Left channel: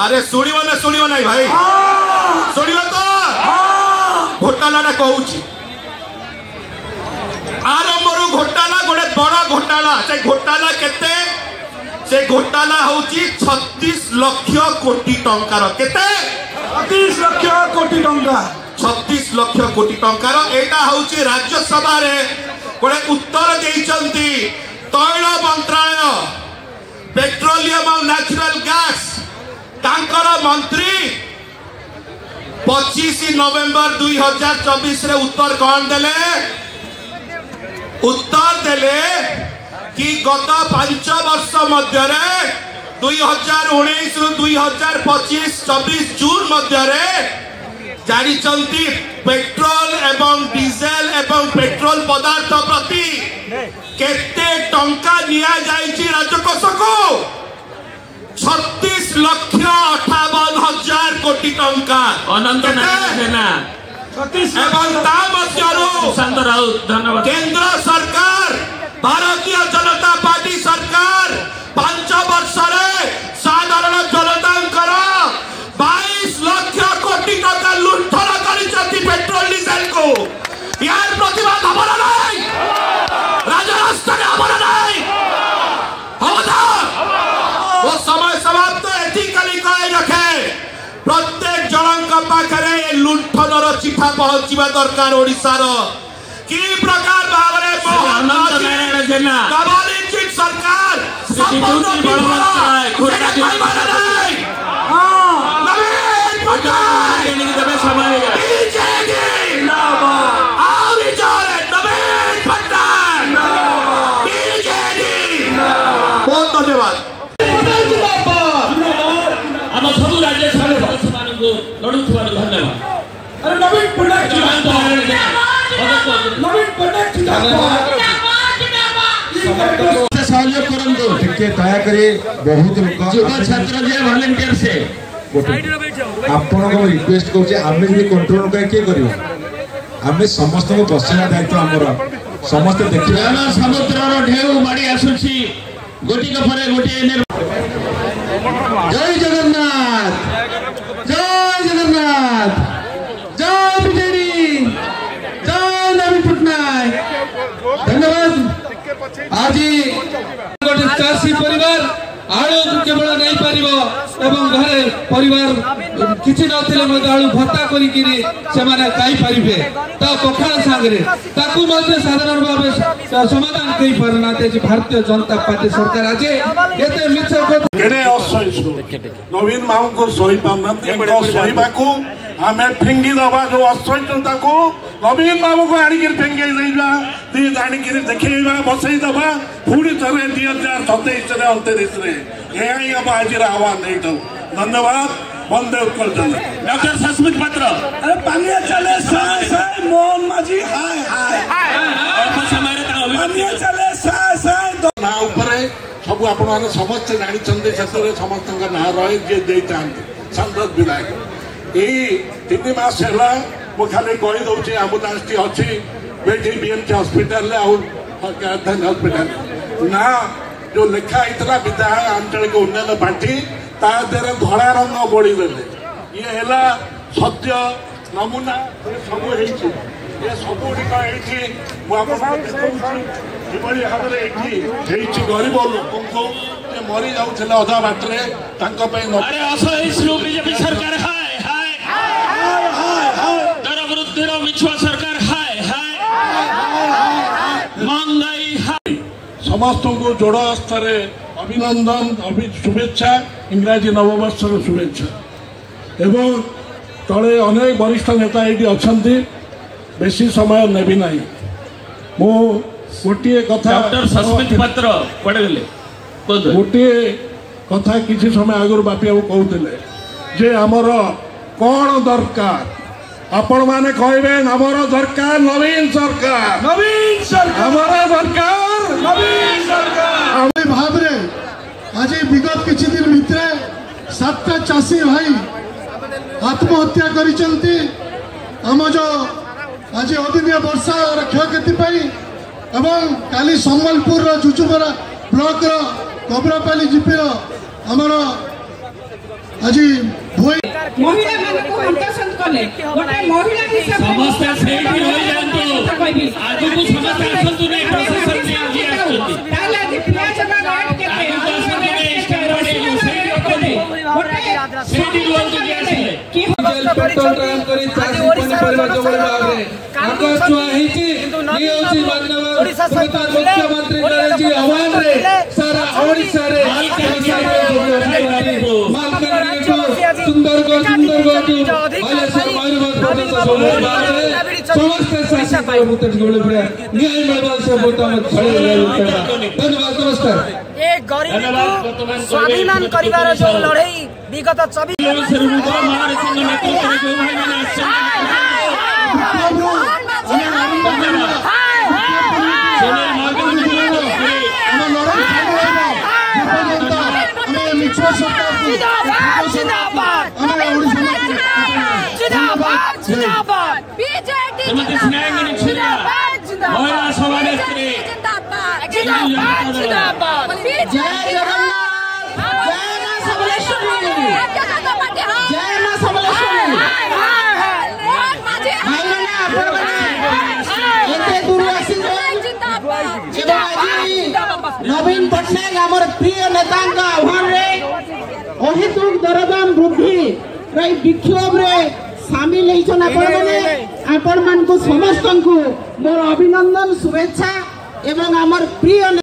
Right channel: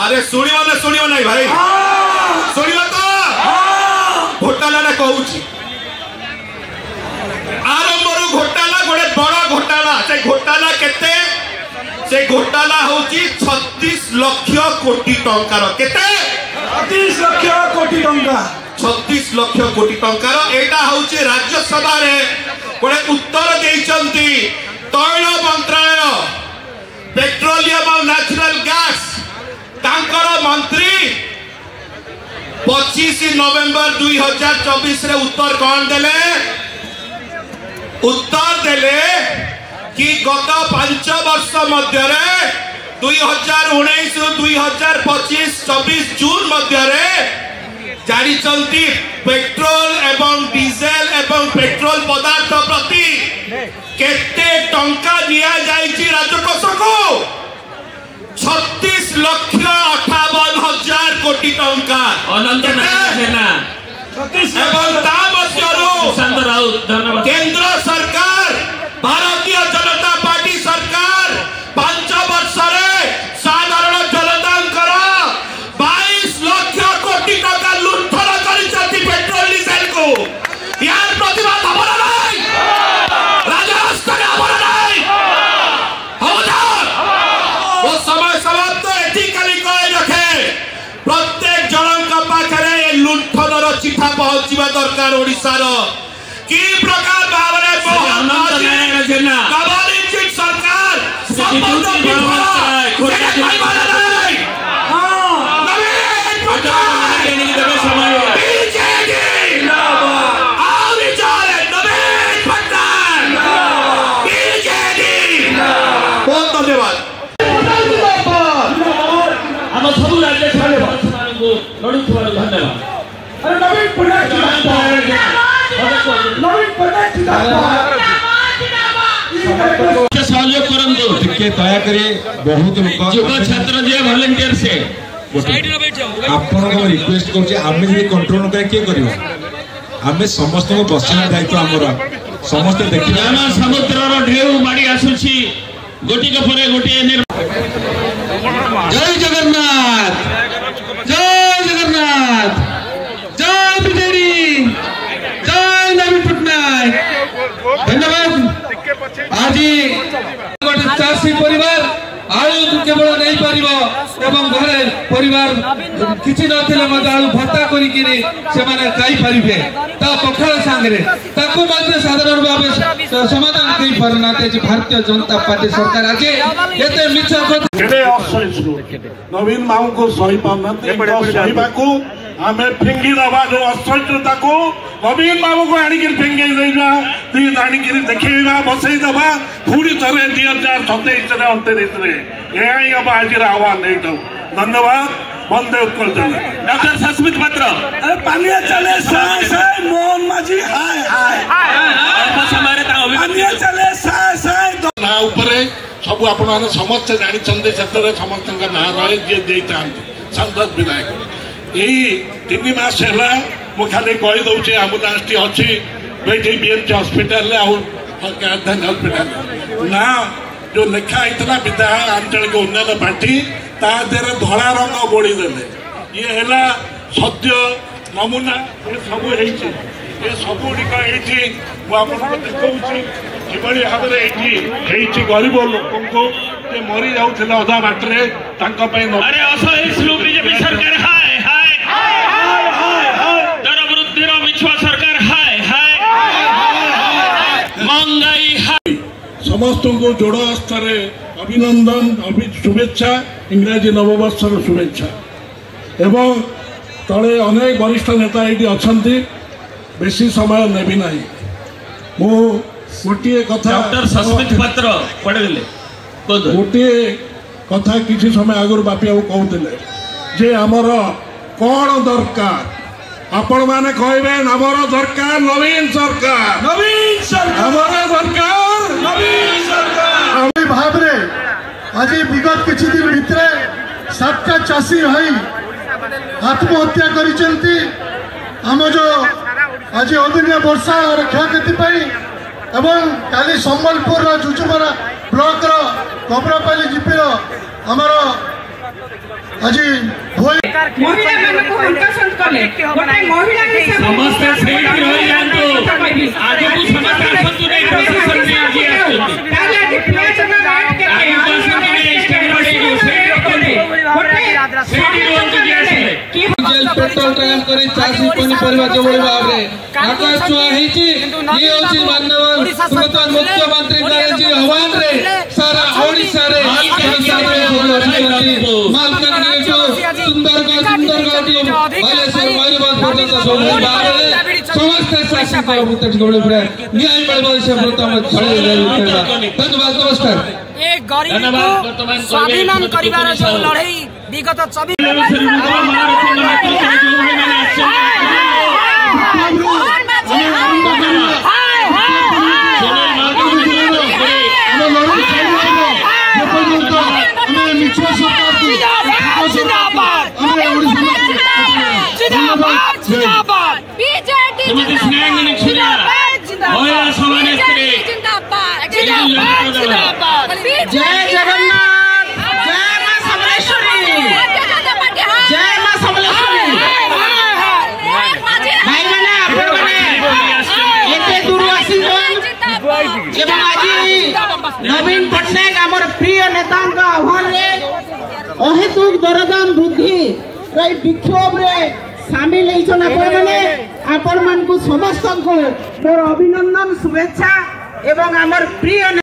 अरे शुणव ना भाई शुण तो घोटाला कहूँ आरंभ घोटाला गोटे बड़ घोटाला से घोटाला केते से घोटाला हूँ 36 लाख कोटी टंकार केते 36 लाख कोटी टंका 36 लाख कोटी टंकार एटा हूँ राज्यसभा रे गोटे उत्तर देइचंती तैल मंत्रालय पेट्रोलियम और नेचुरल गैस तांकर मंत्री 25 नवेम्बर 2024 रे उत्तर कौन देले कि गत 5 वर्ष मध्य 2019 2025 24 जून मध्य जारी पेट्रोल एवं डीजेल एवं पेट्रोल पदार्थ प्रति केते टंका दिया जाइछि राजकोष को 36 लाख 58 हजार कोटी टंका केंद्र सरकार भारतीय जनता पार्टी सरकार 5 वर्ष साधारण जनता 22 लाख कोटी टंका लुंठन कर पेट्रोल डीजेल को यार प्रतिवाद हमारा नहीं राजरास्ता हमारा नहीं वो समय समाप्त कहे रखे प्रत्येक जनक पाखे लुंठन चिठा पहुंचा दरकार ओडिशार कि प्रकार भाव सरकार बहुत धन्यवाद आम सब राज्य लड़ुवा धन्यवाद सहयोग करंतु दयाकोरी बहुत लोग युवा छात्र जे वॉलंटियर से आपण को रिक्वेस्ट करछे आमे भी कंट्रोल किए कर आमे समस्त को बसना दायित्व आमर समस्त देखिए समुद्र ढेउ माड़ी आसुछि गोटी पर गोटी जय जगन्नाथ जय जगन्नाथ जय बीजेडी जय नवीन पटनायक धन्यवाद। आज चाषी परिवार आलू केवल नहीं पार एवं घरे परिवार किसी ना आलू भत्ता करें पखाड़ सांगे साधारण भाव समाधान कर पारना भारतीय जनता पार्टी सरकार आज एत मिछ नवीन माऊ को सही पाना आम फिंगी दबा जो असह्यता को नवीन बाबू को आणिक फिंगे आणिक देखा बसई दबा पुणी थे 2027 29 हम आज आह्वान नहीं धन्यवाद। बंदे उत्कल डॉक्टर सस्मित पात्र अरे पानी चले साय साय मोहन माझी हाय हाय पानी चले साय साय ना ऊपर सब आपण समस्त जानी समस्त ना रहे जे देता संसद विधायक यही 3 मास है मुझे खाली कहीदे एम्बुलांस टी अच्छी बेटी बीएमसी हस्पिटाल राजधानी हस्पिटाल ना जो लेखा होता विधायक आंचलिक उन्नयन पार्टी तादेह धला रंग बोड़ी देले ये है सत्य नमूना सब ये सब गुड़िक किभली भाव में गरीब लोक को मरी जाऊे अधा बाटे बीजेपी सरकार दर मिछुआ सरकार महंगाई समस्त को जोड़ स्तर अभिनंदन शुभेच्छा इंग्राजी नववर्षर शुभेच्छा एवं तले अनेक वरिष्ठ नेता ये अच्छा बेसी समय नेबी ना मु गोटे कथा डॉक्टर सस्मित पात्र पढ़े गोटे कथा किसी समय आगुरी बापी बाबू कहते जे आमर कौन दरकार आपण माने कहबे आमर दरकार नवीन सरकार आमर दरकार नवीन सरकार भाव आज विगत किसी दिन भितर 7टा चाषी भाई आत्महत्या करिसेंती आम जो आज अदिनिया वर्षा और क्षयक्षति एवं काली सम्बलपुर जुजुमरा ब्लॉक कबरापाली जीपी आमर आज महिला मानक हंकासंत कले गोटे महिला समस्त सेठी रहि जांतु आगु को समस्त आसंतु नै प्रशासन नै आजी आसंतु ताले आज पियाजन रेट केते आसंतु नै स्टैंडर्ड नै सेठी रखते सेठी लोग जे आसे कि जेल पेट्रोल ट्रायल करी चासी पनिपरिवा जोबळी भाबरे आकाश छुआ हिची नि होची मानव प्रधान मुख्यमंत्री करेची आह्वान रे सारा ओडिसा रे मालकानगिरी को सुंदरगढ़ बालेश्वर मयूरभंज पर्यंत सब भाबरे समस्त शासन को मुक्त जोबळी पुरा न्याय मिलबा से प्रथम खड़े धन्यवाद नमस्कार। एक गरीब को स्वाभिमान करिवार जो लड़ाई विगत 24 नवीन पटनायक आमर प्रिय नेता आह्वान अहेतुक दरदाम वृद्धि विक्षोभ रे सामिल आपण मान समस्त को मोर अभिनंदन शुभेच्छा एवं आमर प्रिय